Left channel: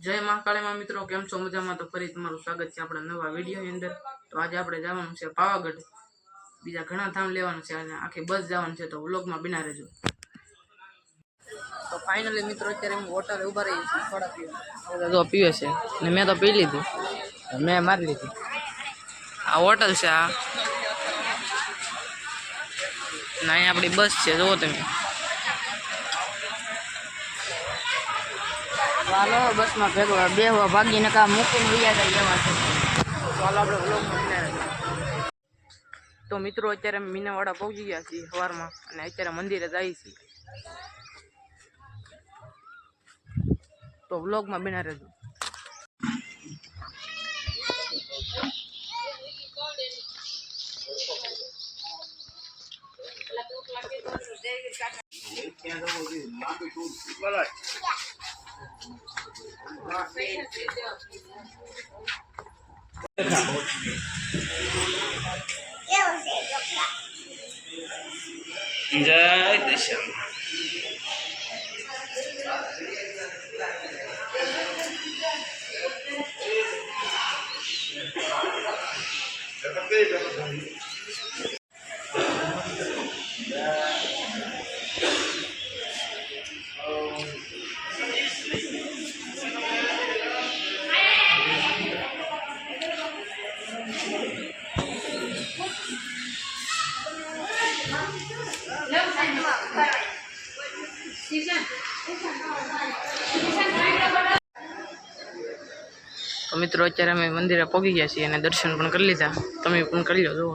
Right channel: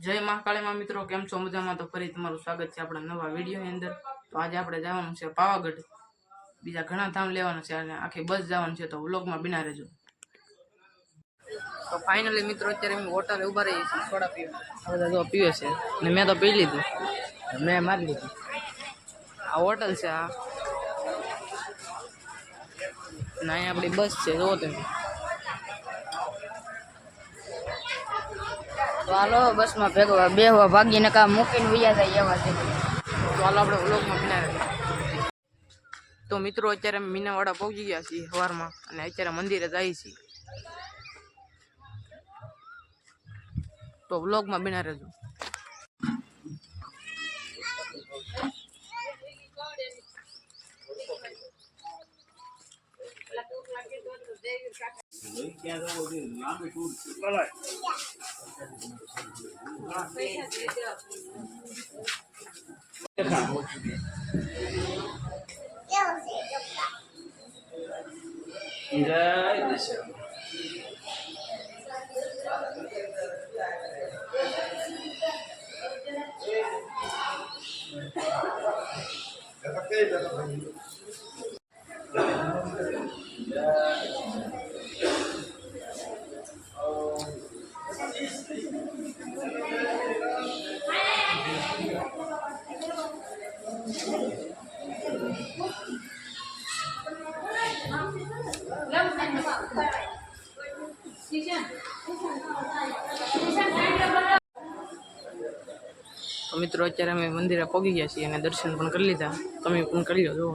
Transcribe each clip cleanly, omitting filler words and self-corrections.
જય મહાકાળીમાં મિત્રો, કેમ છો? મજામાં? તો ફરી તમારું સ્વાગત છે આપણા નવા વિડીયોની અંદર. તો આજે આપણે જવાનું છે પાવાગઢ, બીજા ઘણા ધામ લેવાનું છે અને આખી બસ જવાનું છે, તો વ્લોગમાં બિના રહેજો. તો ફાઇનલી મિત્રો અત્યારે હું હોટલે ઉભા રહી છું સોડા પીવા. આ બધા જો પીવે છે ને મેં તો પી લીધી, મેં મારી લીધી. આ હોટલ છે આ, ને અહીં આપણી બસ છે, જુઓ તમે. ચાલો બસમાં ભેગો બેહવા ભાગીને કામ મૂકીને વૈયા જાય એમાં છે. તો હાલો આપણે વ્લોગમાં બિના રહેજો. તો મિત્રો અત્યારે અમે મીનાવાડા પહોંચી ગયા છીએ સવારમાં અને અત્યારે મંદિરે જઈએ છીએ. તો વ્લોગમાં બિના રહેજો. જય દિશા તો મિત્રો અત્યારે અમે મંદિરે પહોંચી ગયા છીએ અને દર્શન પણ કરી લીધા. તમે પણ કરી લો. જુઓ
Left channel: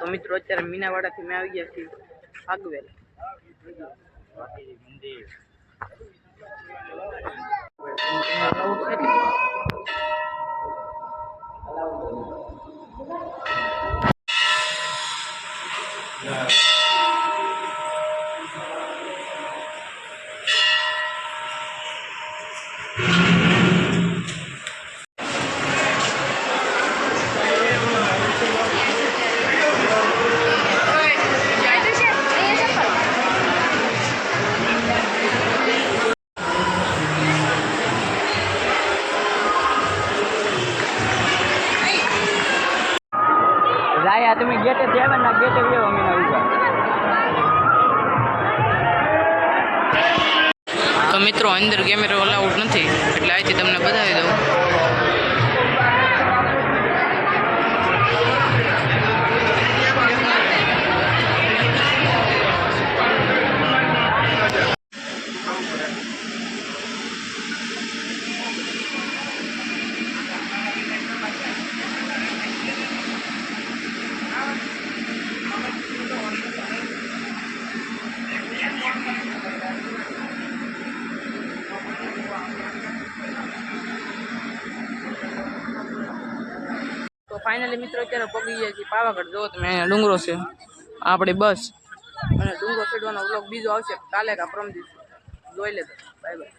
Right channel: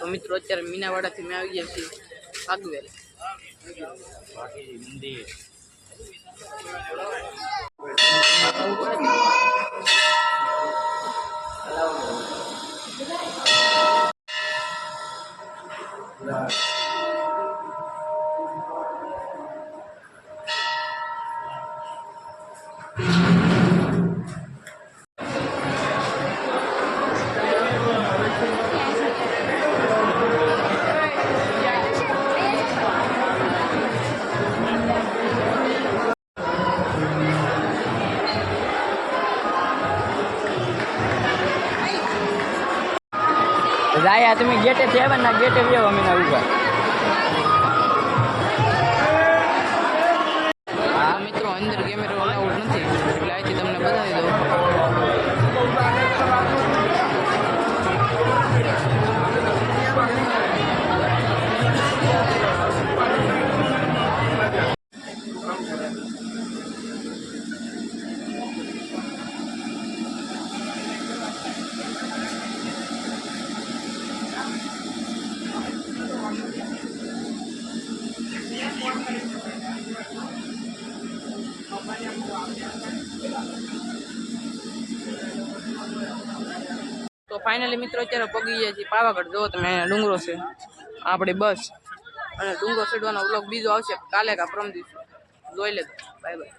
તો મિત્રો અત્યારે મીનાવાડાથી મેં આવી ગયા છીએ આગવેલ. રાયા તમે ગેટે થયા ને ગેટે વ્યવ અમે ઉભા. તો મિત્રો અંદર કેમેરો અલાઉડ નથી એટલે અહીંથી તમને બતાવી દઉં. તો ફાઇનલી મિત્રો અત્યારે પગી ગયા છીએ પાવાગઢ. જો તમે અહીંયા ડુંગરો છે, આપણી બસ, અને ડુંગરો ચડવાનો વ્લોગ બીજો આવશે કાલે કા પરમ દિવસે. જોઈ લેજો. Bye bye.